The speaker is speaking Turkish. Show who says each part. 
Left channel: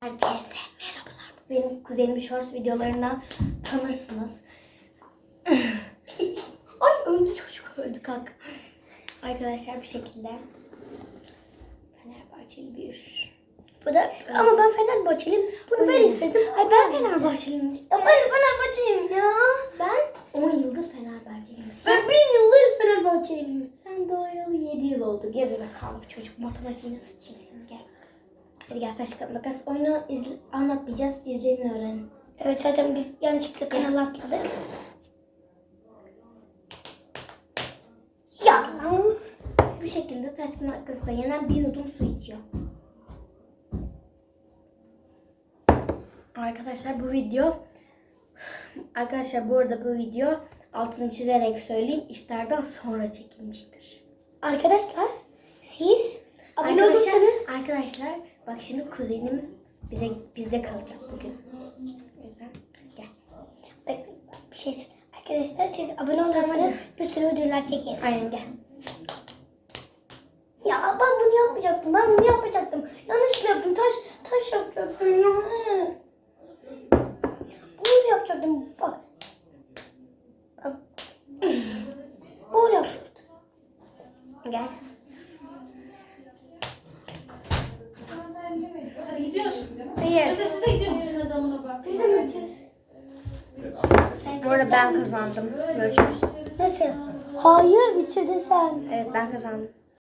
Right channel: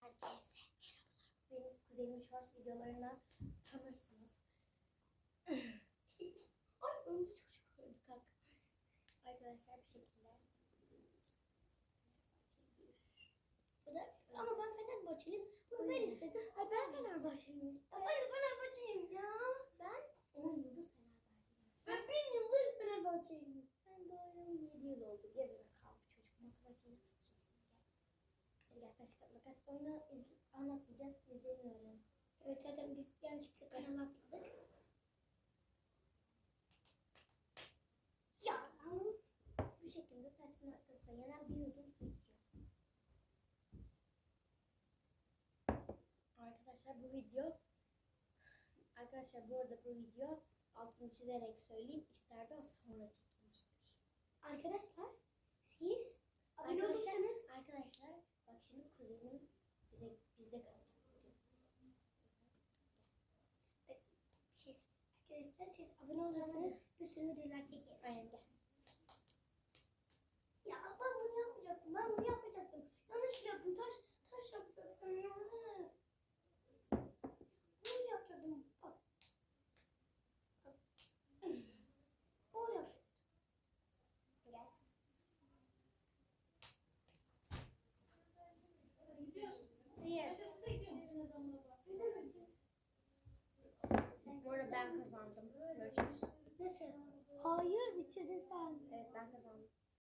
Speaker 1: Herkese merhabalar. Benim kuzenimin shorts videolarından tanırsınız. Ay öldü çocuk öldü kalk. Arkadaşlar bir şekilde Fenerbahçeli bir
Speaker 2: Bu da ama ben Fenerbahçeliyim. Bunu ben istedim.
Speaker 1: Ay ben Fenerbahçeliyim.
Speaker 2: Ama ben Fenerbahçeliyim ya.
Speaker 1: Ben 10 yıldır Fenerbahçeliyim.
Speaker 2: Ben bin yıldır Fenerbahçeliyim.
Speaker 1: sen doğayalı 7 yıl oldu. Gerizekalı bir çocuk. Matematiği nasıl senin gel. Hadi gel taş kağıt makas. Oyunu izle, anlatmayacağız. İzleyin öğrenin.
Speaker 2: Evet zaten biz yanlışlıkla kanal atladık. Ya.
Speaker 1: Bu şekilde taş kağıt makasla yenen bir yudum su içiyor. Arkadaşlar bu video Arkadaşlar bu arada bu video altını çizerek söyleyeyim iftardan sonra çekilmiştir.
Speaker 2: Arkadaşlar siz
Speaker 1: Arkadaşlar, bak şimdi kuzenim bize bizde kalacak bugün. O yüzden gel.
Speaker 2: Bak, bir şey. Arkadaşlar siz abone olursanız bir sürü videolar çekeriz.
Speaker 1: Aynen gel.
Speaker 2: Ya ben bunu yapmayacaktım. Ben bunu yapacaktım. Yanlışlıkla yaptım. Taş taş yapacaktım. ya. Bunu yapacaktım. Bak. Bak. Bunu yapacaktım.
Speaker 1: Gel.
Speaker 3: Hadi gidiyoruz.
Speaker 1: Hayır.
Speaker 3: Yoksa siz de bak.
Speaker 2: Biz de mi yapıyoruz?
Speaker 1: Bu arada ben kazandım. Görüşürüz.
Speaker 2: Nasıl? Hayır bitirdin sen.
Speaker 1: Evet ben kazandım.